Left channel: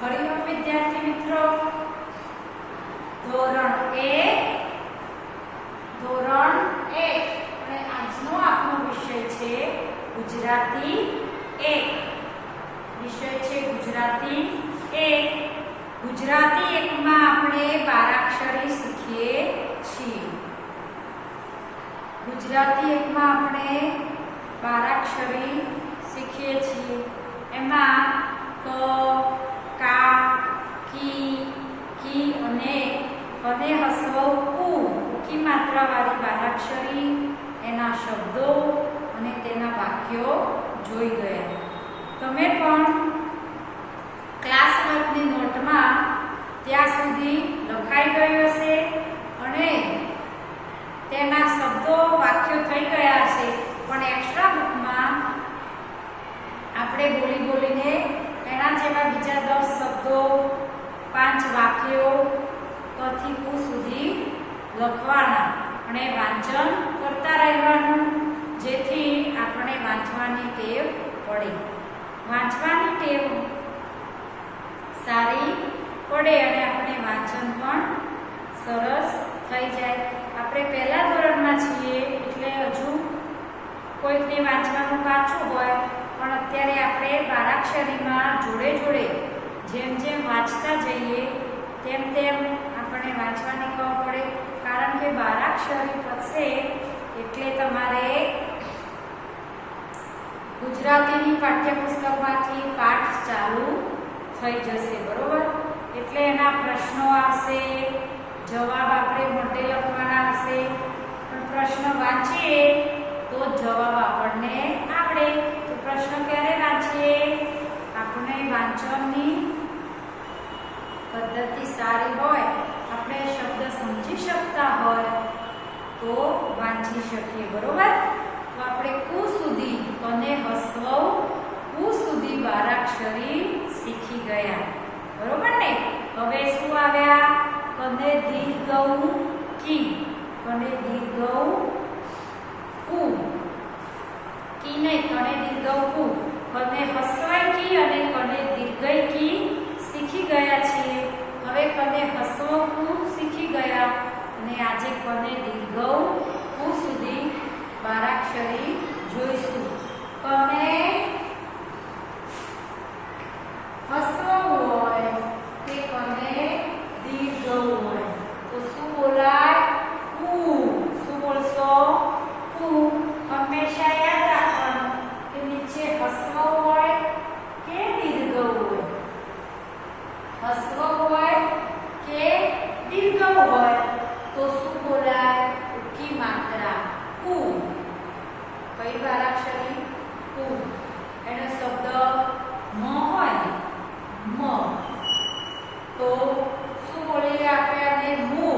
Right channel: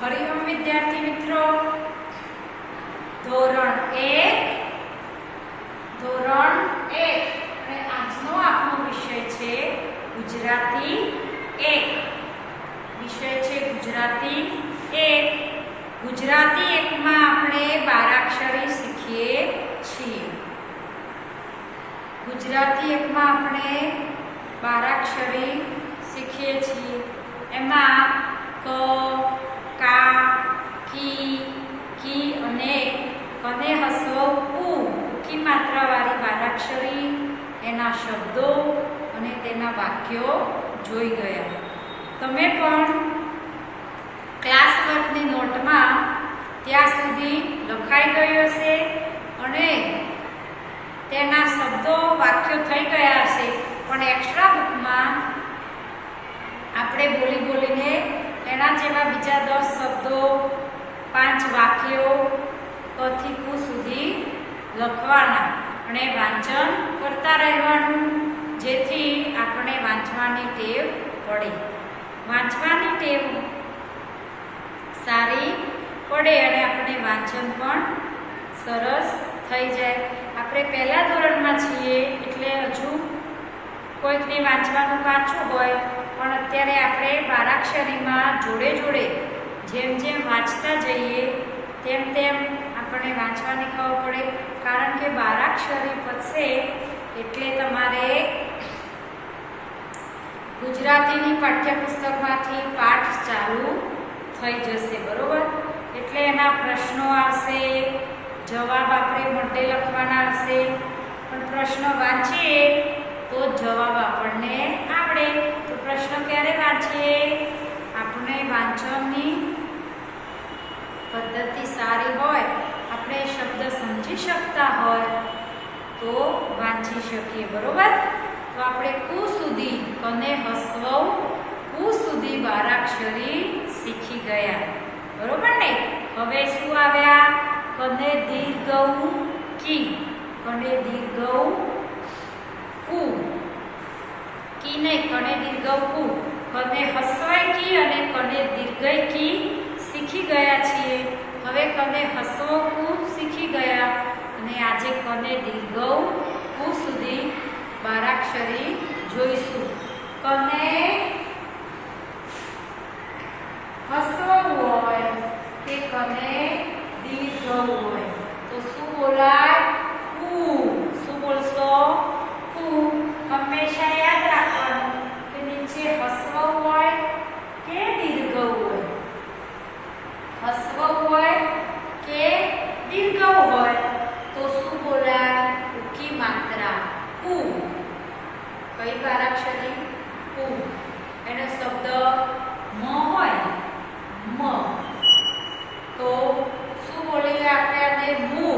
હરિઓમ વિદ્યાર્થી મિત્રો, ધોરણ 1 અને આજનો આપણો વિષય છે ગુજરાતી 1. વિષય છે ગુજરાતી 1. ગુજરાતી 1 માં આપણે 12 અક્ષરી શીખીએ છીએ. ગુજરાતી 1 માં આપણે 12 અક્ષરી શીખીએ છીએ. એમાં ક, કા, કી, કી અને કને હસવ ઉ કી માત્રાવાળી 12 અક્ષરી, એના શબ્દો અને તેના વાક્યો જોઈ ગયા. તમે પણ ક્લાસ વર્કની નોટમાં ત્યાં સુધી લખાઈ ગયું હશે અને તેના શબ્દો વાક્યો થઈ ગયા હશે, પણ એક્સ્ટ્રા બુકમાં આપણે બોલીને એના જેવા બીજા 10 શબ્દો, 5 વાક્યો કથી કુ સુધી લખવાના અને વાંચન કરતા રહેવાનું, જેથી આપણે વાંચવાની ટેવ પડે. વાંચવાની ટેવ સારી પડે અને આપણે વાંચન પણ સરસ થઈ જાય. આપણે પહેલા ધોરણમાં છીએ એટલે હજુ કોઈકને વાંચવાનું કાચું હોય, પણ અત્યારે આપણે 12 અક્ષરીમાં જોડે જેમ વાંચતા જઈએ તેમ આપણે વાંચવાની ખબર પડે. કારણ કે 12 અક્ષરી પતશે એટલે તમારે ગુજરાતીની પાઠ્યપુસ્તકમાંથી પાઠ ચાલુ થઈ જશે, બરોબર? એટલે એના પ્રશ્નો આવશે, જવાબ આપણે મોઢે લખવાના હશે, પણ પ્રશ્ન વાંચીએ તો જવાબ આપણને આવડે. તો પ્રશ્ન ક્યારે વાંચીએ? આપણે વાંચનની પદ્ધતિ સારી હોય, આપણે શબ્દ સમજી શકતા હોય તો વાંચી શકીએ, બરોબર? તો આપણે કુ સુધી, કને હસવ કુ સુધી 12 અક્ષરી શીખી ગયા, બરોબર ને? હવે શું આવ્યા? કને દીર્ઘ કી, કને દીર્ઘ કુ, કી નહીં, કને દીર્ઘ કુ, કને હસવાય કી અને કને દીર્ઘ કી શીખી ગયા છીએ. હવે કને હસવ કુ શીખી ગયા અને આજે કને દીર્ઘ કુ સુધી 12 અક્ષરી જોઈશું. કને હસવું હોય કે કને દીર્ઘ હોય તો શું બોલાય? કુ. શું બોલશો? કુ. હંમેશા યાદ રાખવાનું કે નીચે હસવું હોય કે દીર્ઘ હોય. હસવું હોય કે દીર્ઘ હોય તો શું બોલાય? ઉકી માત્રા કુ. કઈ 12 અક્ષરી? કુ. એનો શબ્દ મ હોય, મ, તો શું બોલીએ આપણે? અને મુ.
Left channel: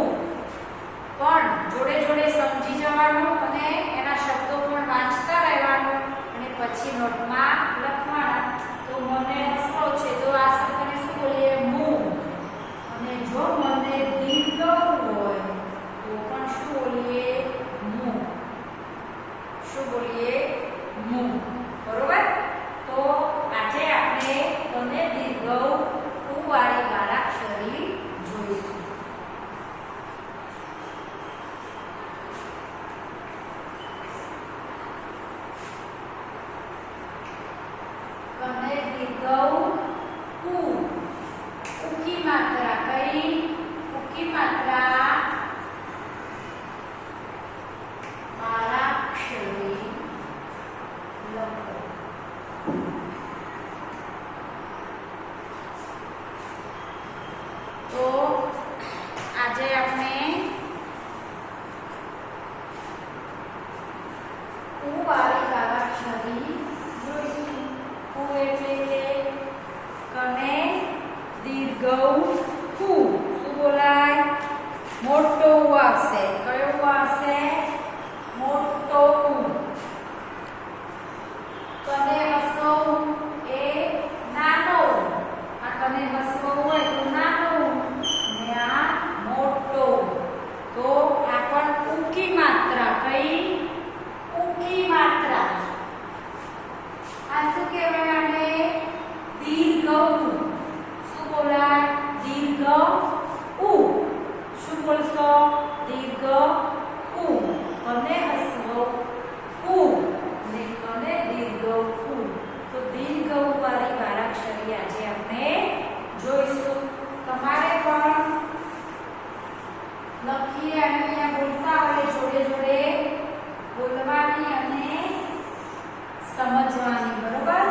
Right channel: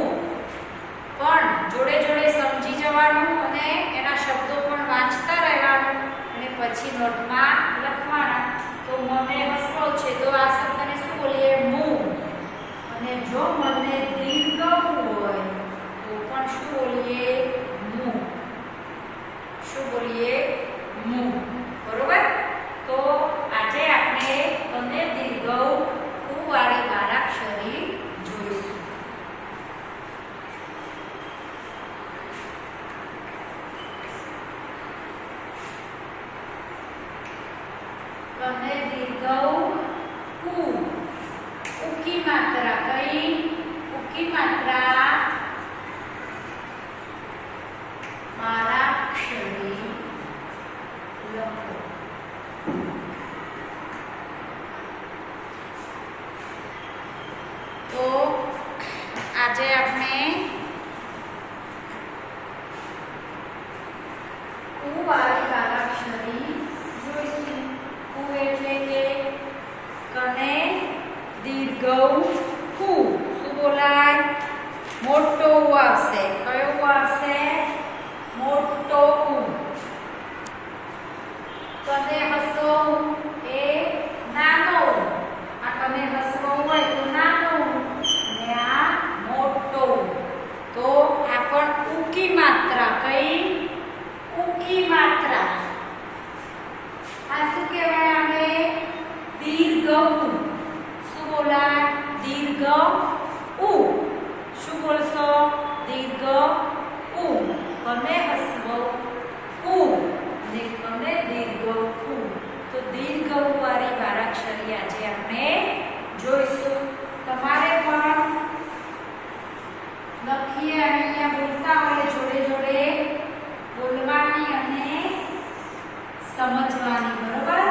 પણ જોડે સમજી જવાનું અને એના શબ્દો પણ વાંચતા રહેવાનું અને પછી નોટમાં લખવાના. તો મને હસવો છે તો આ શબ્દને શું બોલીએ? મુ. અને જો મને દીર્ઘ હોય તો પણ શું બોલીએ? મુ. શું બોલીએ? મુ. બરોબર? તો આજે આપણે કને દીર્ઘ કુ વાળી 12 અક્ષરી જોઈશું. કને દીર્ઘ કુ, ઉકી માત્રા. કઈ? ઉકી માત્રા 12 અક્ષરી લખો. તો આજે આપણે કુ વાળી 12 અક્ષરી જોઈશું. કુ એટલે કે કને દીર્ઘ કુ. શું બોલાય? મોટો ઉ આવશે. કયો ઉ આવશે? મોટો ઉ. કને હસવ સમજવાની, બરોબર?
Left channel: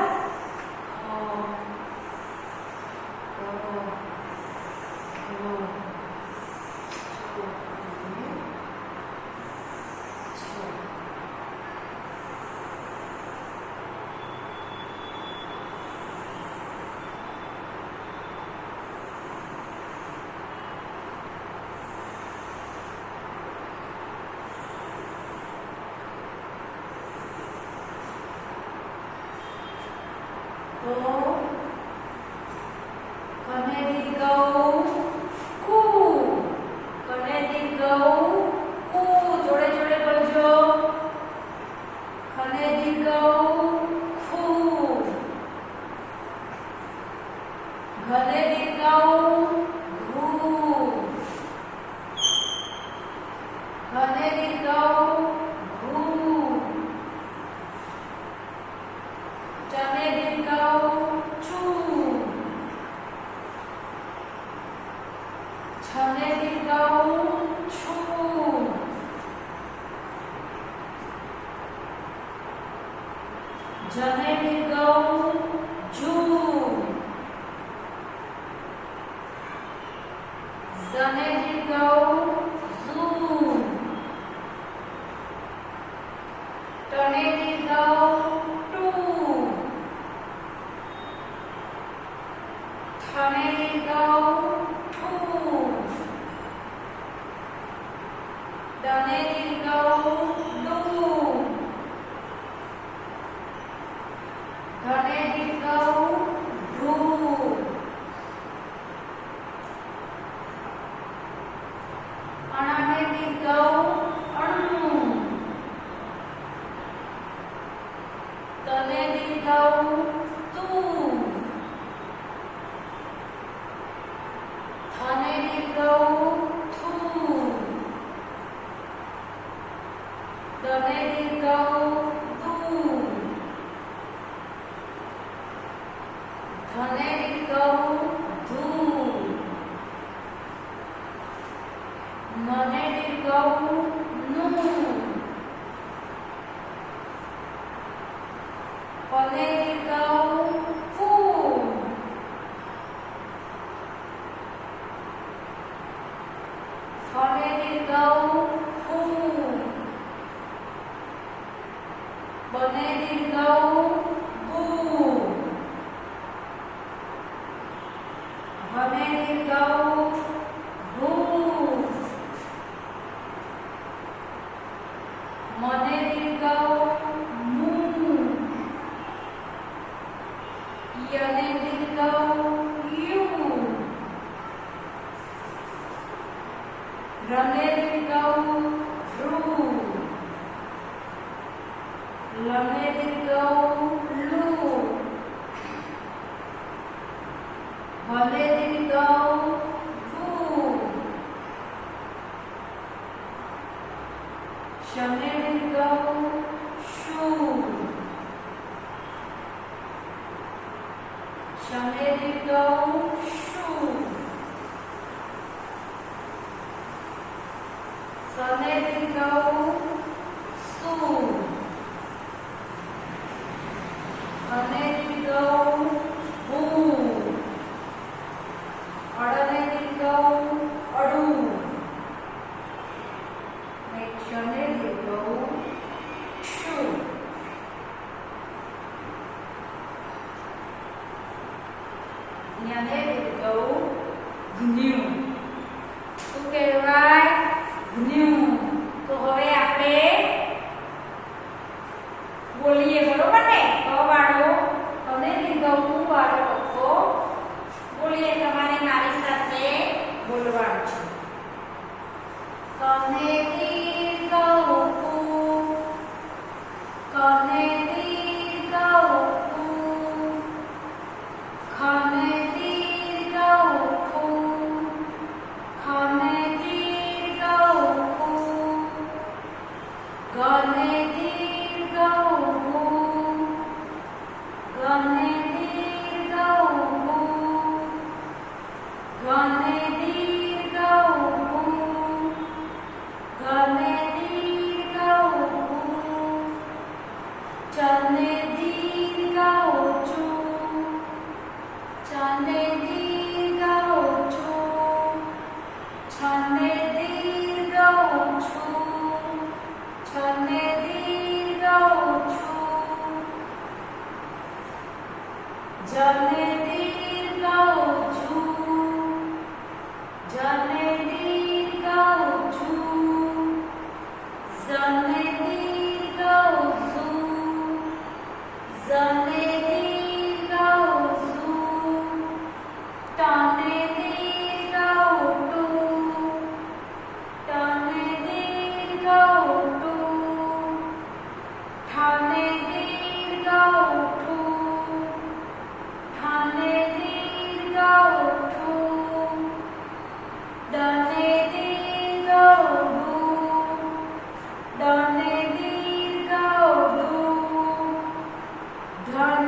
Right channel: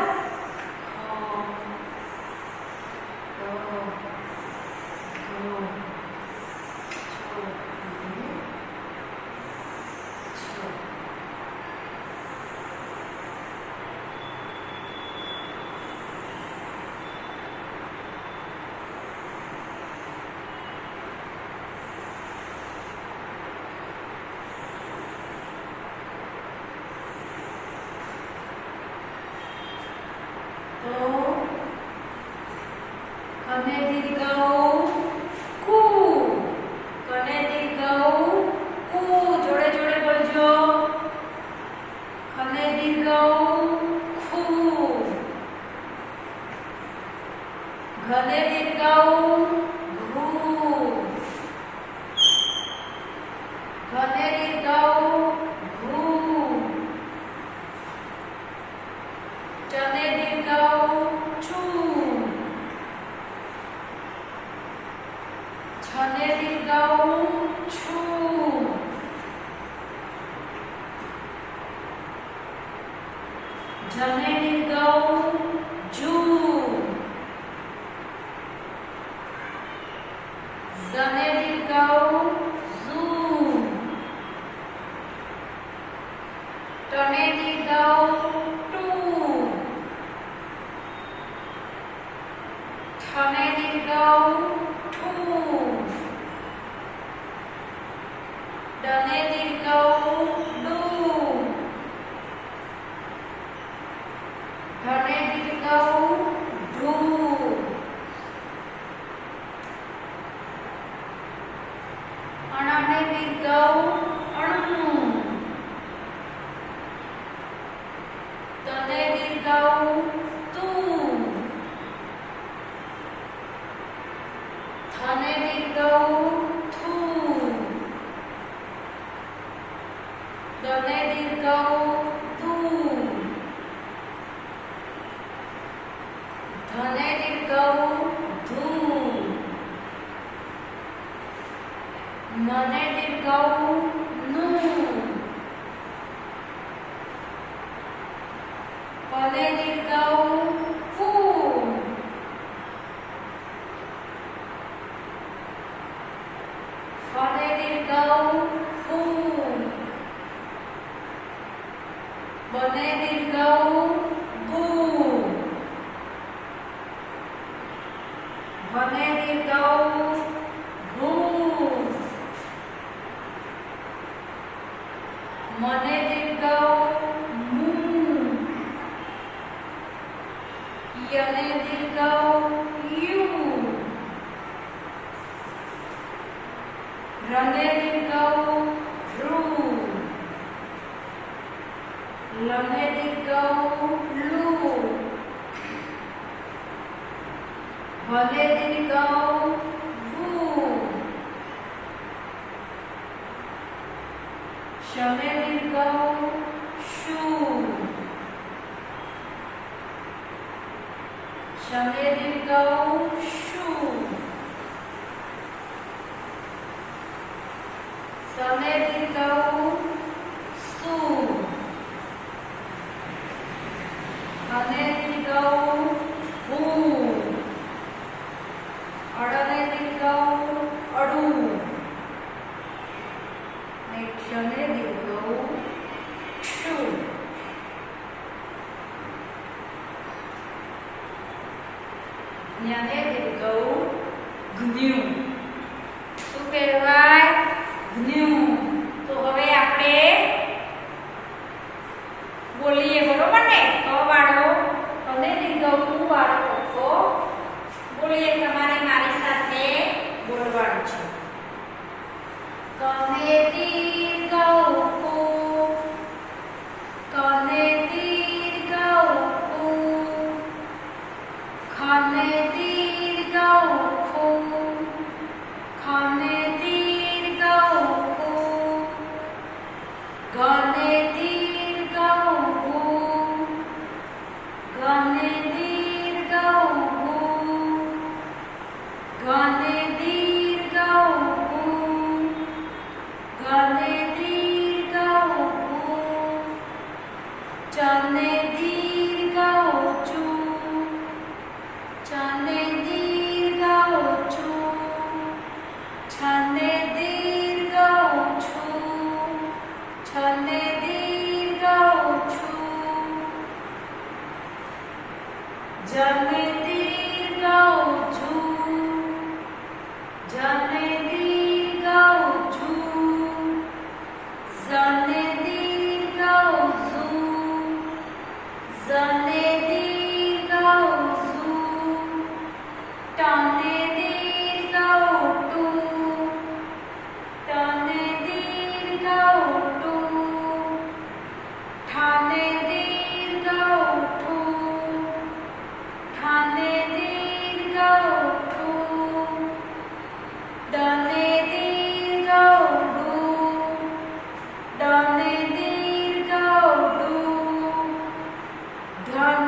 તો કને દીર્ઘ કુ, કને દીર્ઘ કુ, જોડે જોડે બોલજો. કને દીર્ઘ ખુ, ઘને દીર્ઘ ઘુ, ઘને દીર્ઘ ઘુ, ચને દીર્ઘ ચુ, છને દીર્ઘ છુ, જને દીર્ઘ જુ, ઝને દીર્ઘ ઝુ, ટને દીર્ઘ ટુ, ઠને દીર્ઘ ઠુ, ડને દીર્ઘ ડુ, ઢને દીર્ઘ ઢુ, અણને દીર્ઘ અણુ, તને દીર્ઘ તું, થને દીર્ઘ થુ, દને દીર્ઘ દુ, ધને દીર્ઘ ધુ, નને દીર્ઘ નુ, પને દીર્ઘ પુ, ફને દીર્ઘ ફુ, બને દીર્ઘ બુ, ભને દીર્ઘ ભુ, મને દીર્ઘ મુ, યને દીર્ઘ યુ, રને દીર્ઘ ઋ, લને દીર્ઘ લુ, ભલે દીર્ઘ ભુ, શને દીર્ઘ શુ, શને દીર્ઘ શુ, સને દીર્ઘ સુ, હને દીર્ઘ હુ, અડને દીર્ઘ અડુ, ને ક્ષને દીર્ઘ ક્ષુ. જ્ઞને દીર્ઘ જ્ઞુ. શું કહેવાય? જ્ઞુ. તો હવે આપણે બોલીએ, બરોબર ને? ક વાળો અને દીર્ઘ કુ વાળો કક્કો બોલીએ. તમારે મારી સાથે બોલવાનું છે. કને દીર્ઘ કુ, કને દીર્ઘ કુ, ખને દીર્ઘ ખુ, ખને દીર્ઘ ખુ, ગને દીર્ઘ ગુ, ગને દીર્ઘ ગુ, ગને દીર્ઘ ગુ, ગને जने दीर्घ ऊंचू, जने दीर्घ ऊंचू, जने दीर्घ ऊंचू, जने दीर्घ ऊंचू, टने दीर्घ ऊंटू, टने दीर्घ ऊंटू, ठाने दीर्घ ऊंटू, ठाने दीर्घ ऊंटू, डने दीर्घ ऊंटू, डने दीर्घ ऊंटू, धने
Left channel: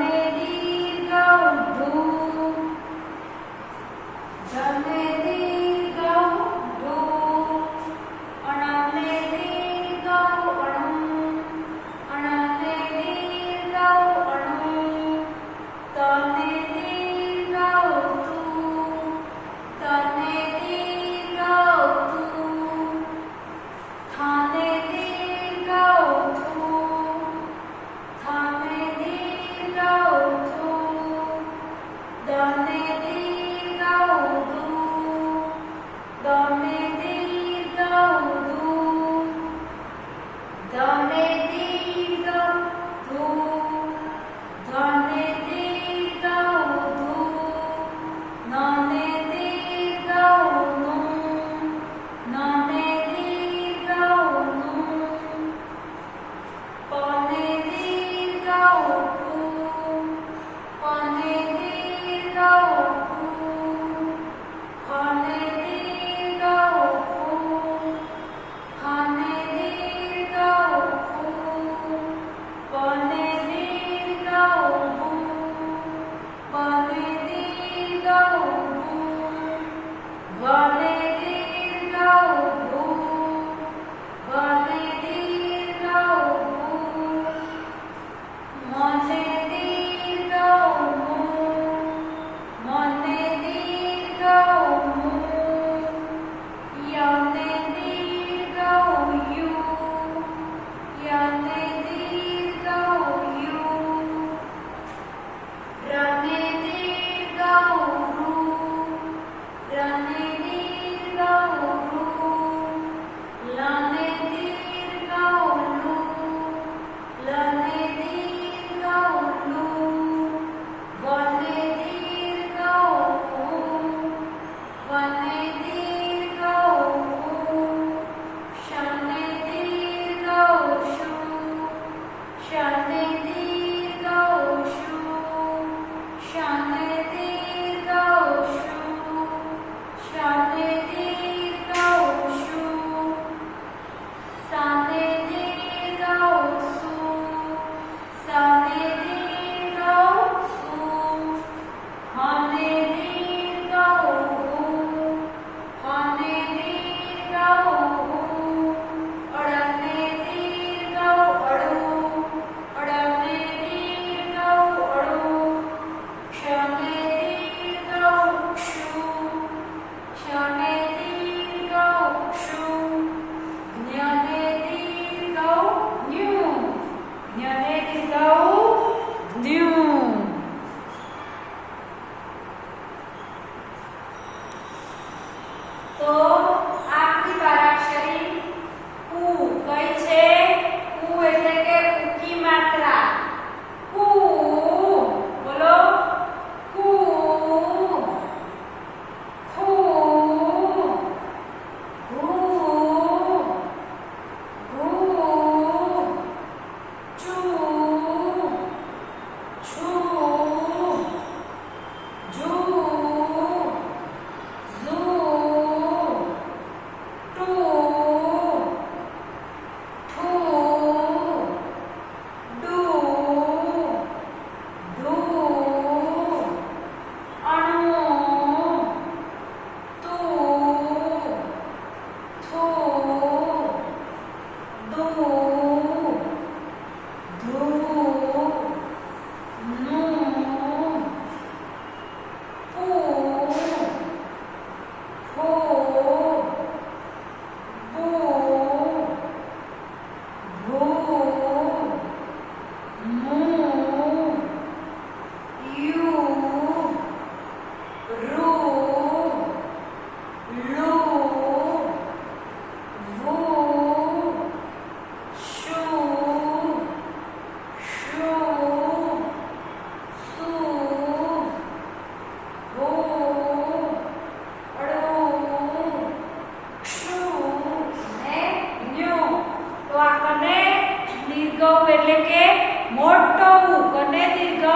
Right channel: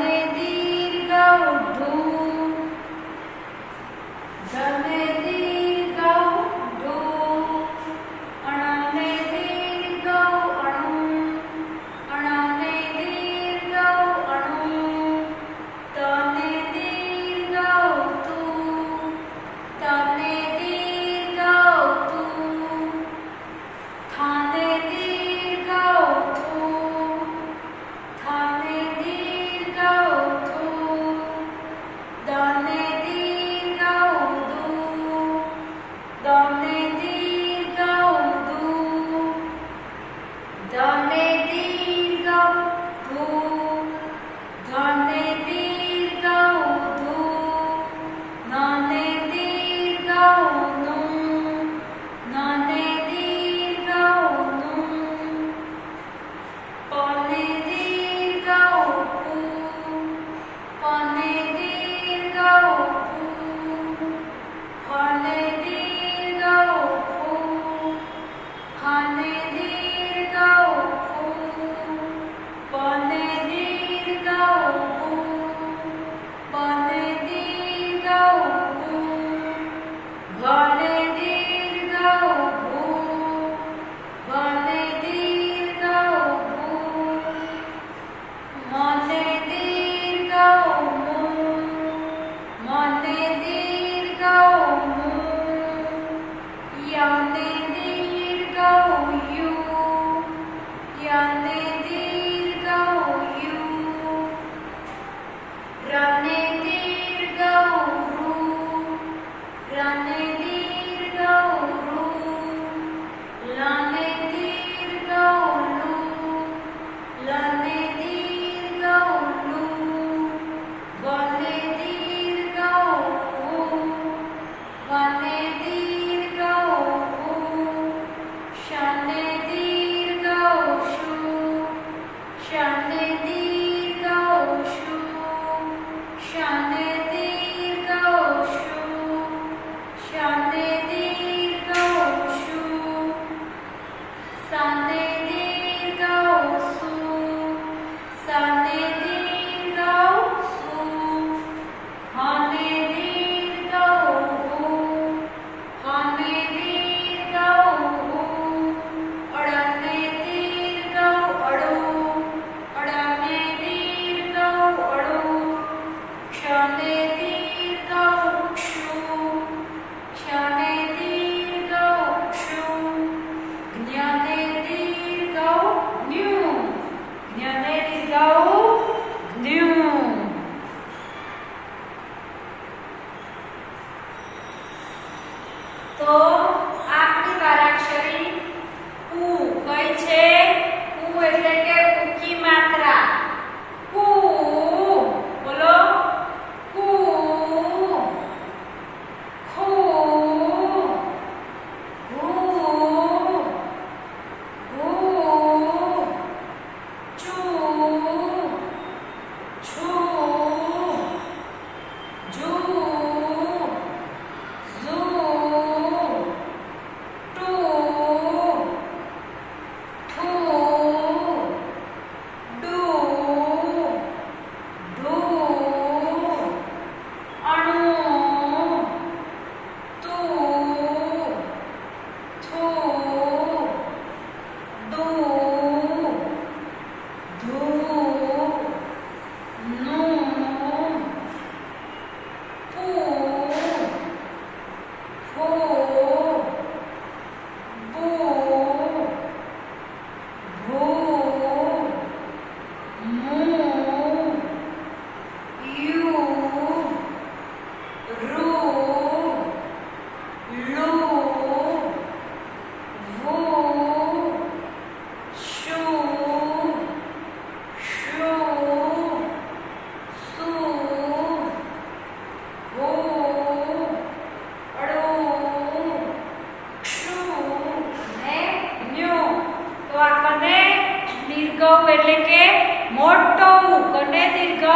કને દીર્ઘ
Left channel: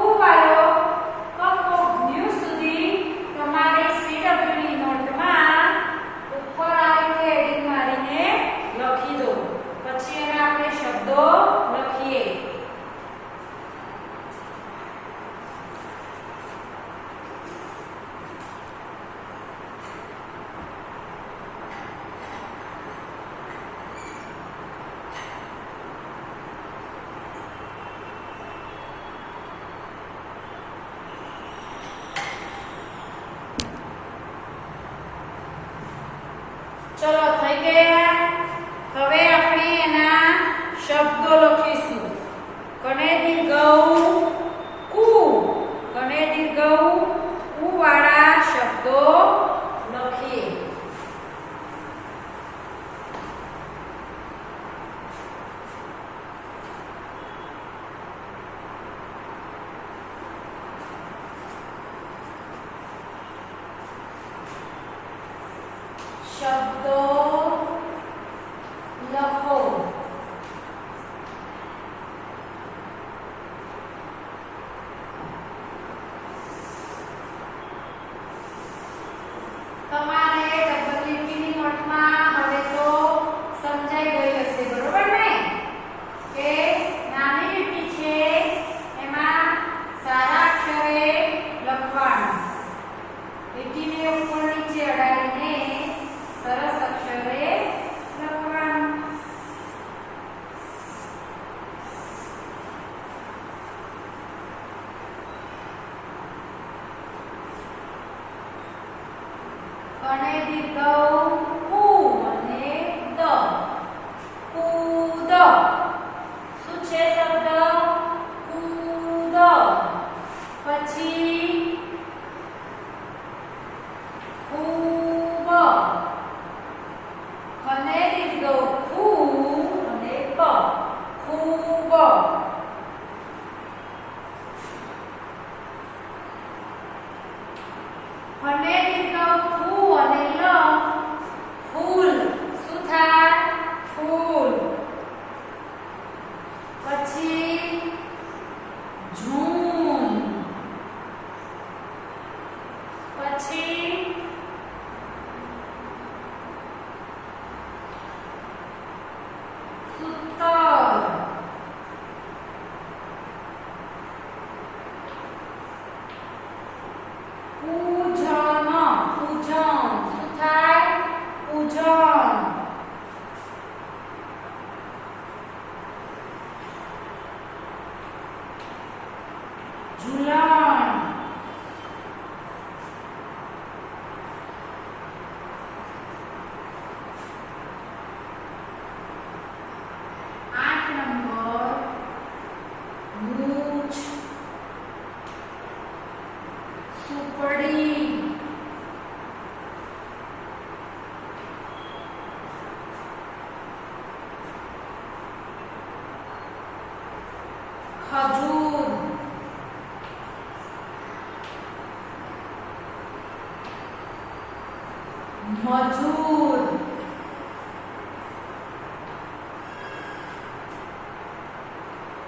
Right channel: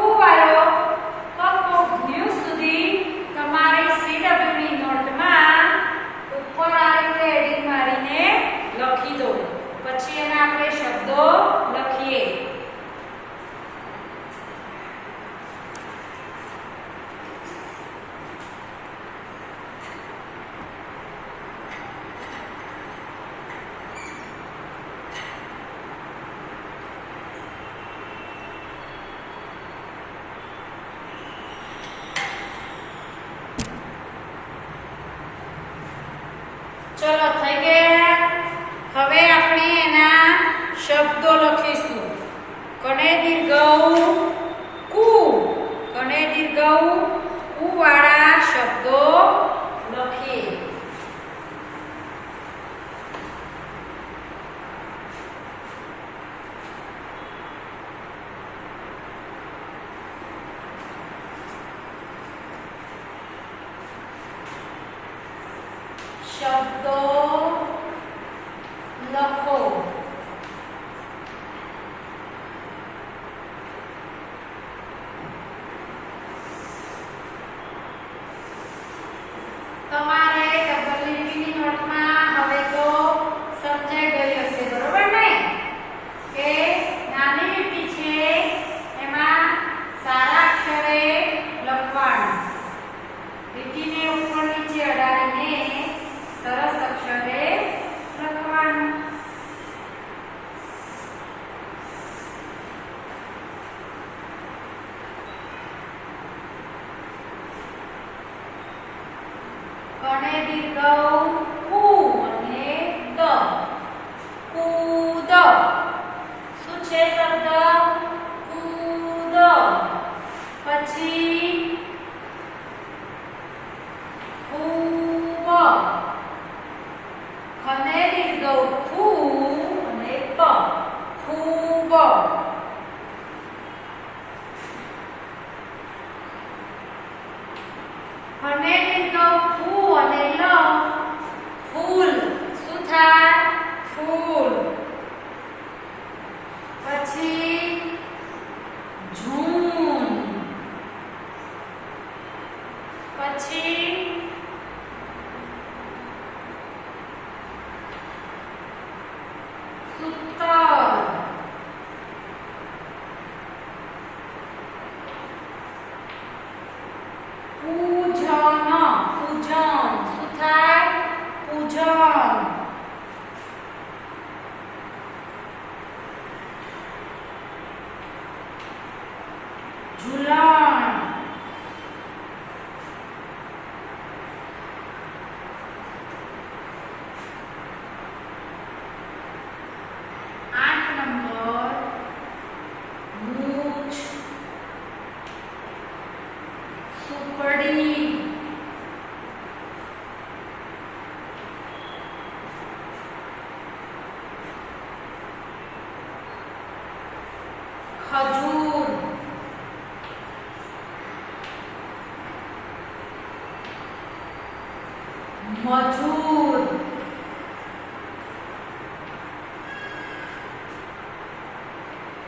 ઉ વાળો કકો જ્ઞ સુધી તમારે CW ની નોટમાં ઉપર આ રીતે હેડિંગ મારીને લખી દો. પછી એના આપણે શબ્દો લખીએ. ચલો થઈ ગયા. હવે આપણે એના શબ્દો લખીશું. કને દીર્ઘ કુ, કને દીર્ઘ કુ વાળા શબ્દો લખીએ. શબ્દો લખો. તમારે ડબલ લીટીની નોટમાં હવે તો સમજાઈ ગઈ હશે, બરોબર ને? કે નાની લીટી છે એમાં સારા અક્ષરે લખવાનું. લીટીને ઉપર નીચે અડાડીને સરસ અક્ષરે લખવાનું. કને દીર્ઘ કુ અને દ, કૂદ. શું છે શબ્દ? કૂદ. પછી ખૂબ. ખને દીર્ઘ ખૂ અને બ, ખૂબ. ખને દીર્ઘ ફૂ અને લ, ફૂલ. શું થાય? ફૂલ. પછી જૂન. પછી સૂતર. પૂજન, પૂજન. શું થાય? પૂજન. ઝૂલણ. સુપડી. ખજૂર. મજૂર.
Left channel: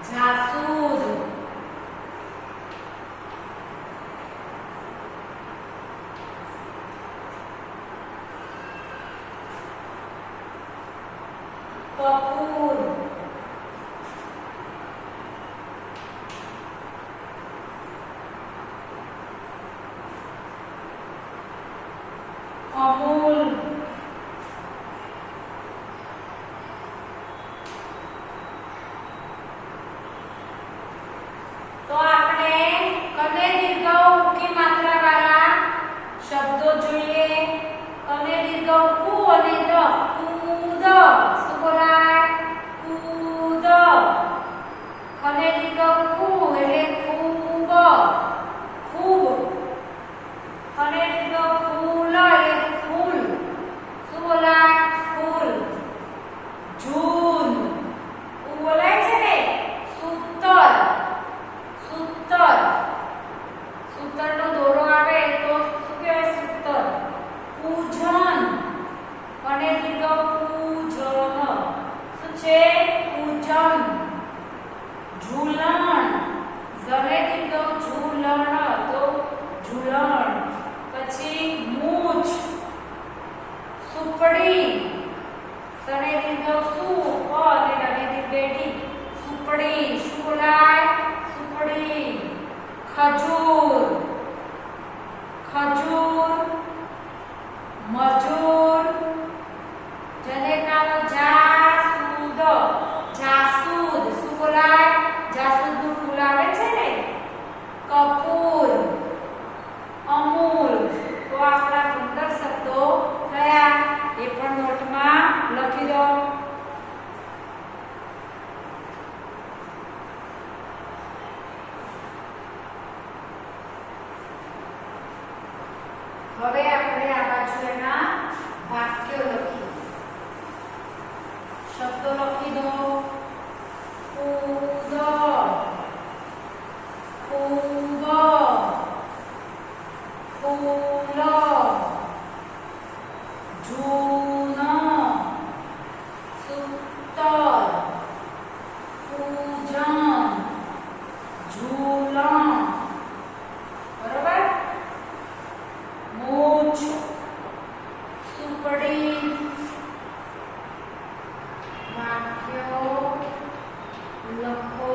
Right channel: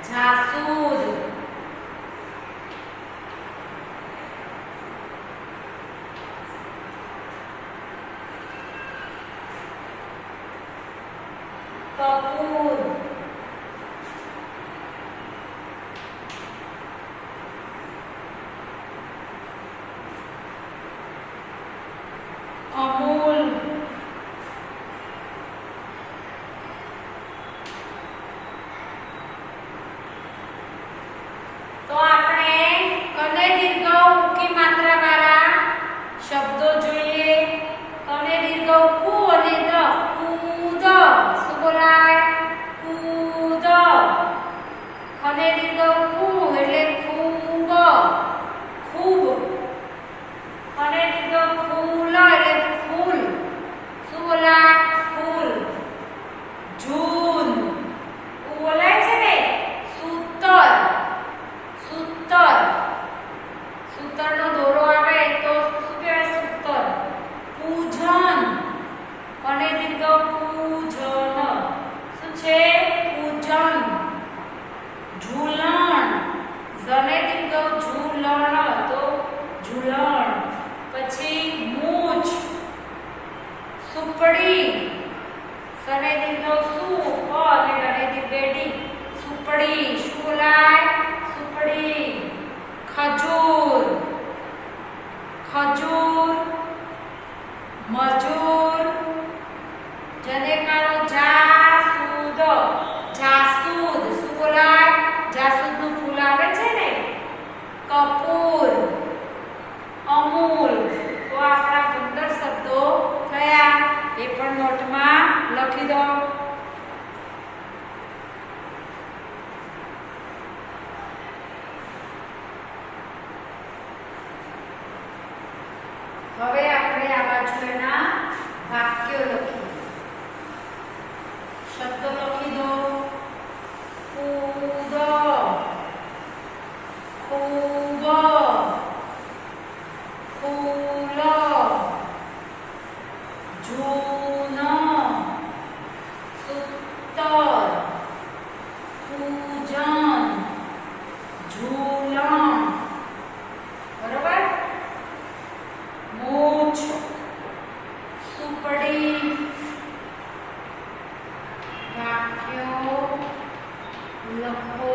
જાસૂદ. કપૂર. અમૂલ. સુપડી. સને દીર્ઘ સુ પ અને ડને દીર્ઘ ડી. સુપડી. શું બોલાય? સુપડી. ખજૂર. ખજૂર. મજૂર. જનેકાનો જાસૂદ. જાસૂદ. શું બોલાય? જાસૂદનું ફૂલ આવે છે ને. કપૂર. અમૂલ. તો આપણા 15 શબ્દો થયા. એ પણ નોટમાં લખી દો. હવે આપણે આ બાજુ એના વાક્યો લખીએ. શબ્દો લખી દો. કૂદ. ખૂબ. ફૂલ. જૂન. સૂતર. પૂજન. ઝૂલણ. બરોબર. મૂછ. સુપડી. વાક્યો લખો.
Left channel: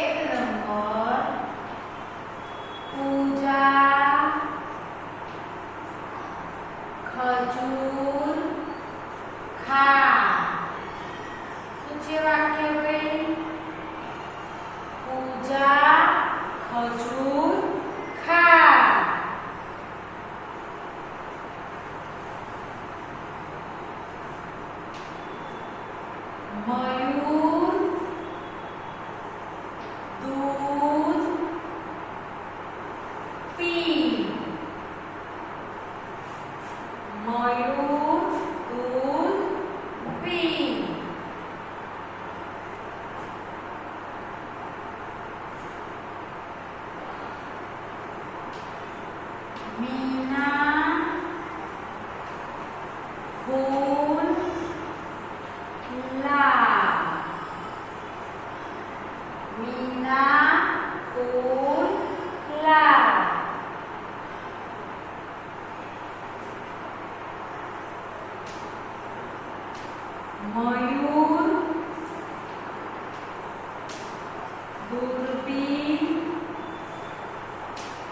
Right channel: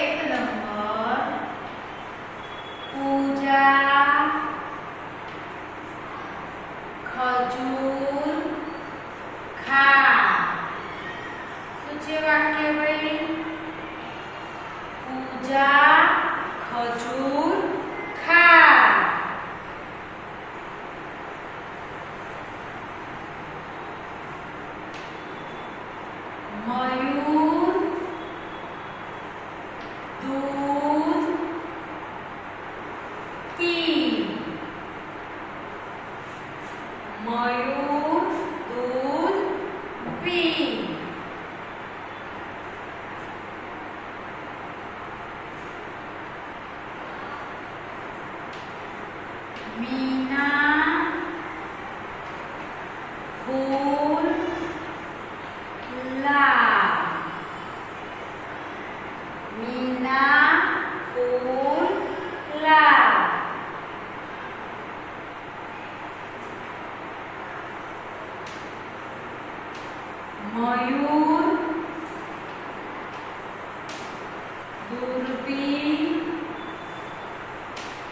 એક નંબર પૂજા. ખજૂર ખા. શું છે વાક્ય ભાઈ? પૂજા ખજૂર ખા. મયુર દૂધ પી. મયુર દૂધ પી. મીના ફૂલ લા. મીના ફૂલ લા. મયુર દૂરબીન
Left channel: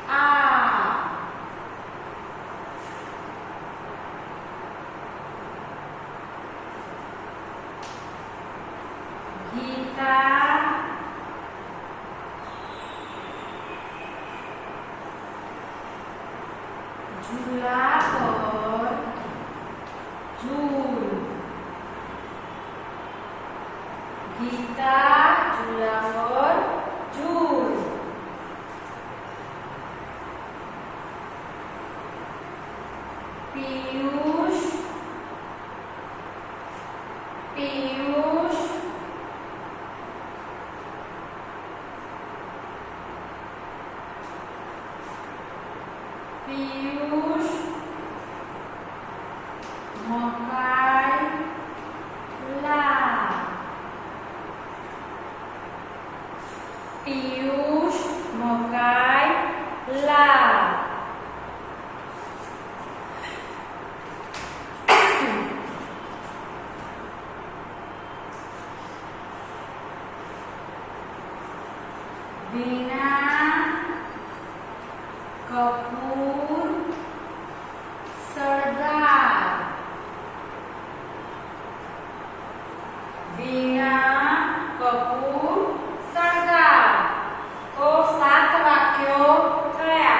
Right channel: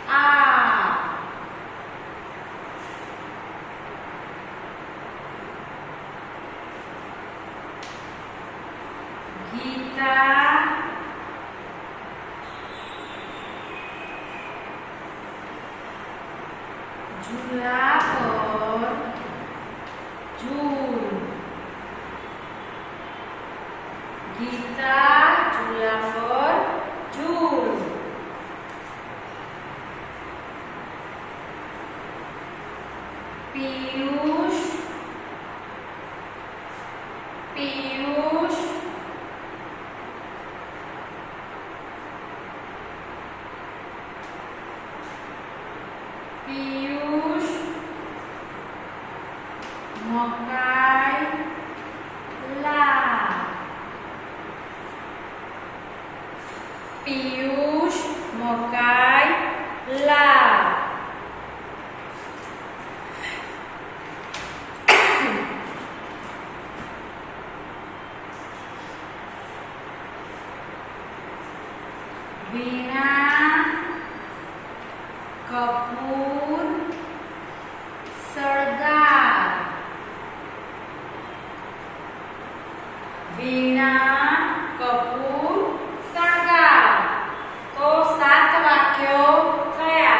આ. ગીતા ઝૂલા પર ઝૂલ. ગીતા ઝૂલા પર ઝૂલ. પિયુષ પિયુષ. પિયુષ મકાઈ લા. પિયુષ મકાઈ લા. વીણા કપૂર સરદાર. વીણા કપૂર સરદાર. તો 7 વાક્યો થયા.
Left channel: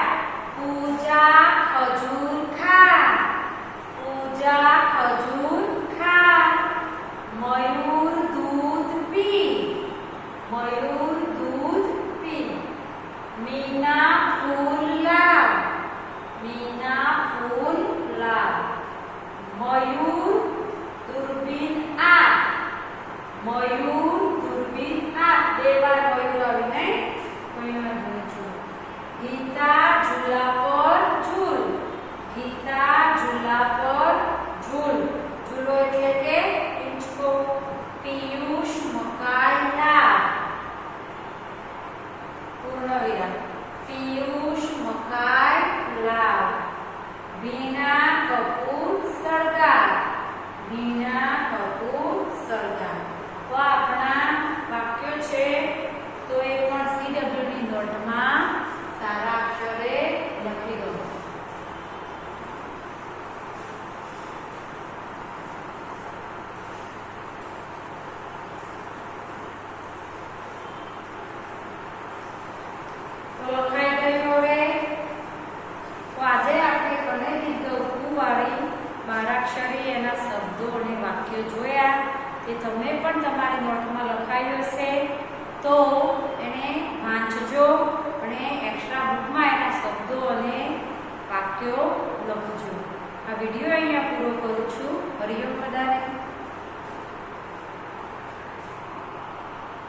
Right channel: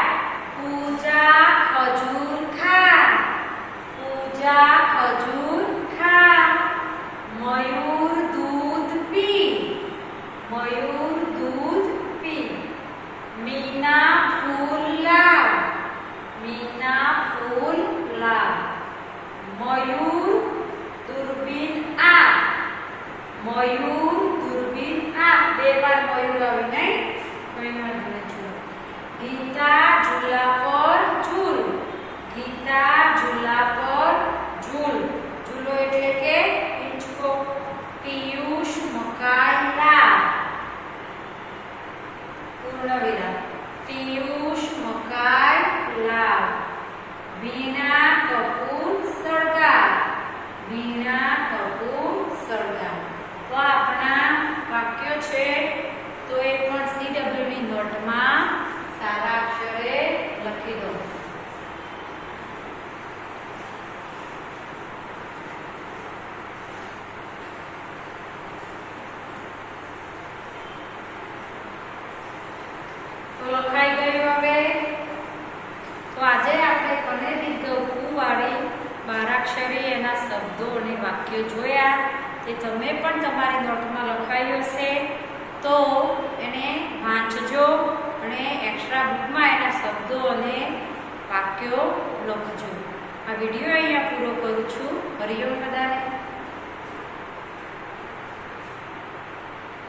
પૂજા ખજૂર ખા. બે વાર મોયું આવી નહીં તો એમાં જોઈશું ગીતા ઝૂલા પર ઝૂલ ગીતા ઝૂલા પર ઝૂલ ઝૂલો એટલે કે હિંચકો પિયુષ મકાઈ લાવ પૂર્ણ વિરામ પિયુષ મકાઈ લાવ વીણા કપૂર સળગાવ વીણા કપૂર સળગાવ તો આપણા વાક્યો છે તો એ પણ CW ની નોટમાં સારા અક્ષરે લખી દો તો લખાઈ ગયું હવે તો આજે આપણે કને દીર્ઘ ઉ વાળી બારાક્ષરી એના શબ્દો અને વાક્યો જોયા તે તમે પણ તમારી નોટમાં લખાયું હશે તો એને વાંચજો અને એક્સ્ટ્રા બુકમાં એના શબ્દો અને વાક્યો લખજો આ વિડીયો અહીંયા પૂરો કરું છું હરિઓમ બધાને